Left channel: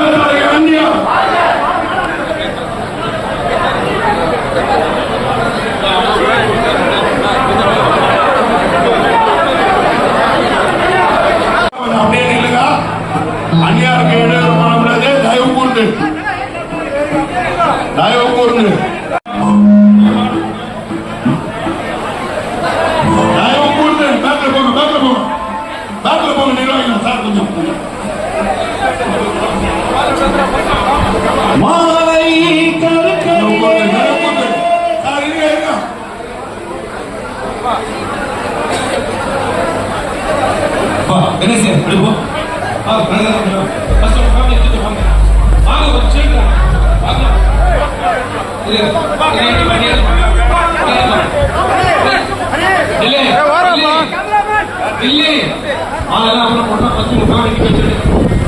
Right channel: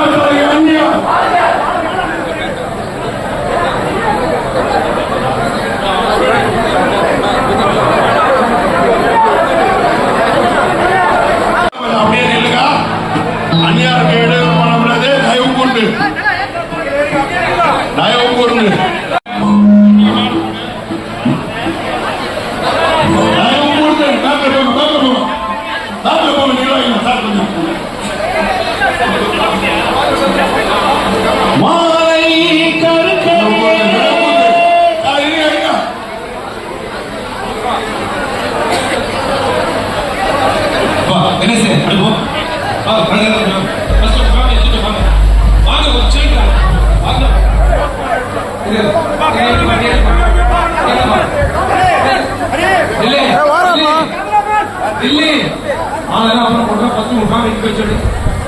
காங்கிரஸ் வருக வென்றியா அப்படியே நில்லுங்க அந்நியார் கேடு போனது தயவு கூண்டு தயவு கூண்டு தயவு கூண்டு பேக்கில் போங்க பேக்கில் போங்க பேக்கில் போங்க நிர்வாகிகள் சார் கொஞ்சம் மாலை கருக்கவில்லை. சார், இருங்க, இருங்க. வா, என்ன சார் அப்படி போ வா, வாங்க, வாங்க, வாங்க. First of all, வாங்க, இங்கிட்டு வாங்க. வாங்க, ஒரு seat வாங்க. வாங்க. இரு, இரு, இரு, இரு, இரு. இல்லை, இல்லை. அதெல்லாம் அப்புறம் போடுறேன். first உட்கார்ந்து நிக்க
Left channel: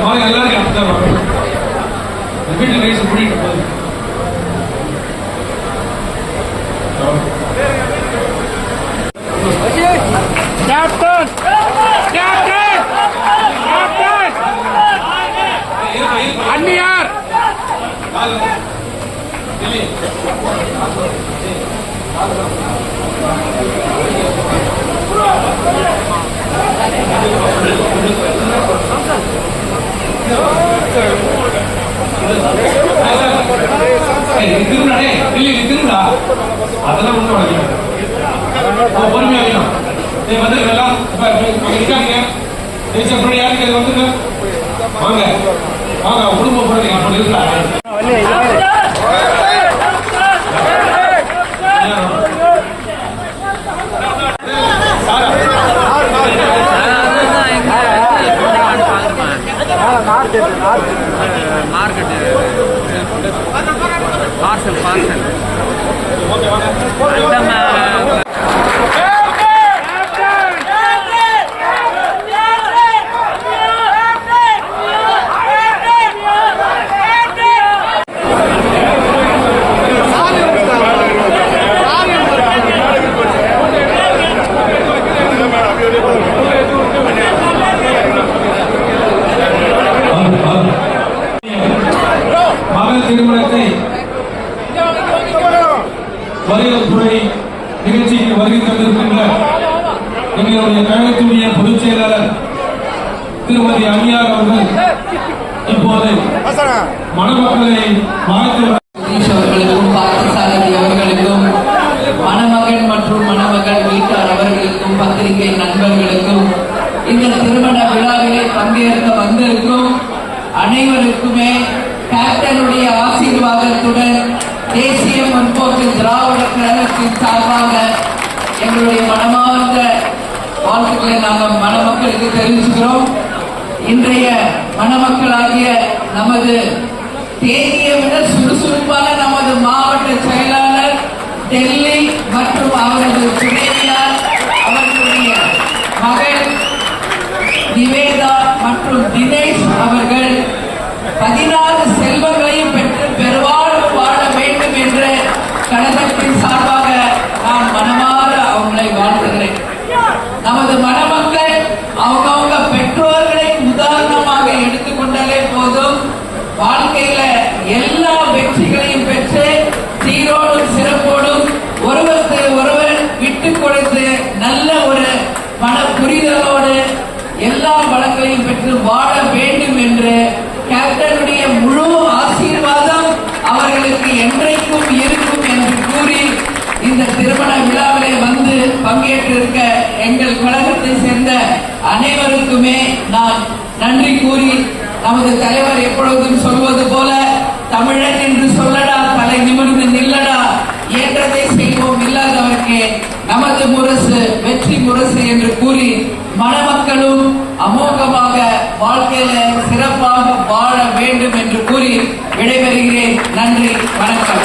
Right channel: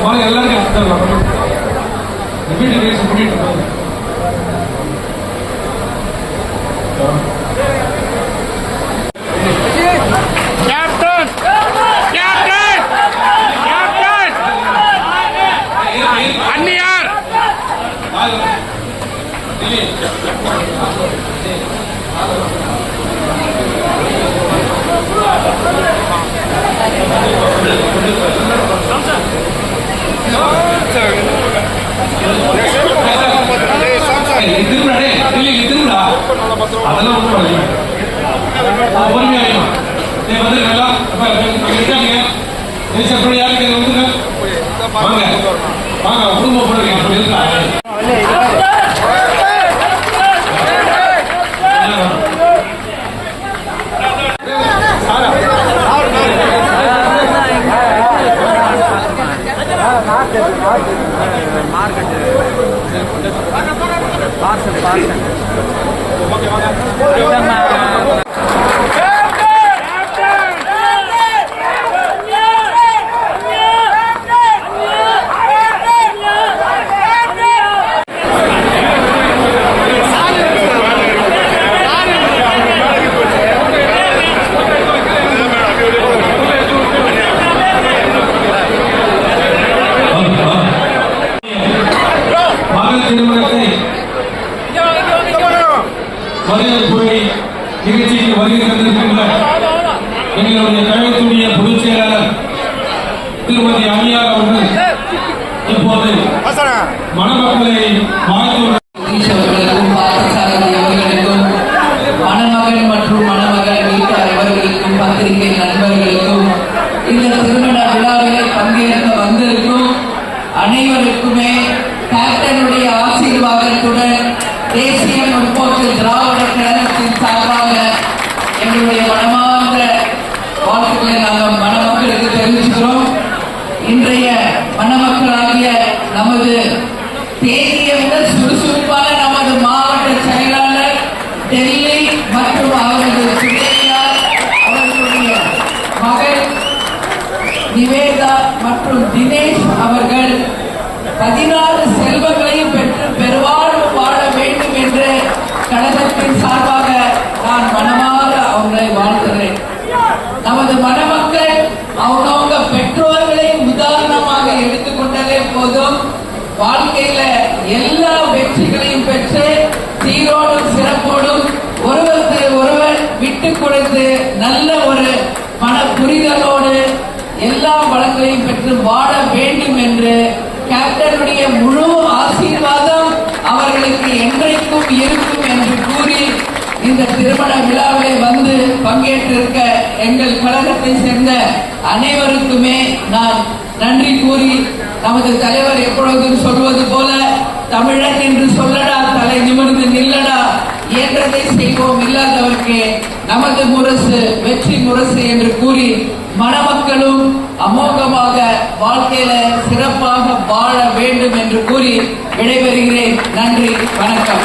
మనం వెళ్ళాలి అర్థం repeat release repeat Thank you. Captain captain அந்நியார் அதெல்லாம் ஒன்றும் வரல நீ வந்து எல்லாம் இருக்காங்க யாருக்கு இது வாங்க வாங்க குடும்ப போறீங்க அப்படி இருக்கலாம் பார்சல் பார்சல் மகள் திருமணத்தை வரவேற்புரை நிகழ்ச்சிக்கு வருகை தந்திருக்கின்ற எங்களுடைய கழகத்துடைய பொதுச் செயலாளர் திருமதி அமியார் அவர்கள் இப்போது மணமக்களை வாழ்த்து அனைவருக்குமே அவர்களுக்கும் ஆசீர்வாதத்துடன் தேசிய மணமக்களுக்கு தெரிவிச்சுக்கிறோம் இன்றைய மணமக்களாகிய நமது தேதியை விட சுறுசுறுப்பான நமது மாவட்ட செயலாளர் டெல்லி மற்றும் அவரது துணைவியார் அவர்களுடைய மகள் நிவேதா மற்றும் தினேஷ் அவர்கள் பதினாறு செல்வங்களையும் பெற்று பெருவாழ்வு வாழ வேண்டும் என்று கழகத்தின் சார்பாக நான் மனமாக அவங்களை வாழ்த்துகிறேன். நமது மன அனைவருக்குமே நான் நன்றி கூறி நமது தலைவர் எப்பொழுதும் சொல்வது போல தமிழன் என்று சொல்லடா தலை நிமிர்ந்து நில்லடா இயன்றதை செய்வோம் இல்லாதவர்க்கு நமது முரசு வெற்றி முரசு என்று கூறி மணமக்களும் அமோகமாக வாழ்க்கையில சிறப்பாக வாழ வேண்டும் வேண்டும் என்று கூறி விடைபெறுகிறேன். நன்றி வணக்கம்.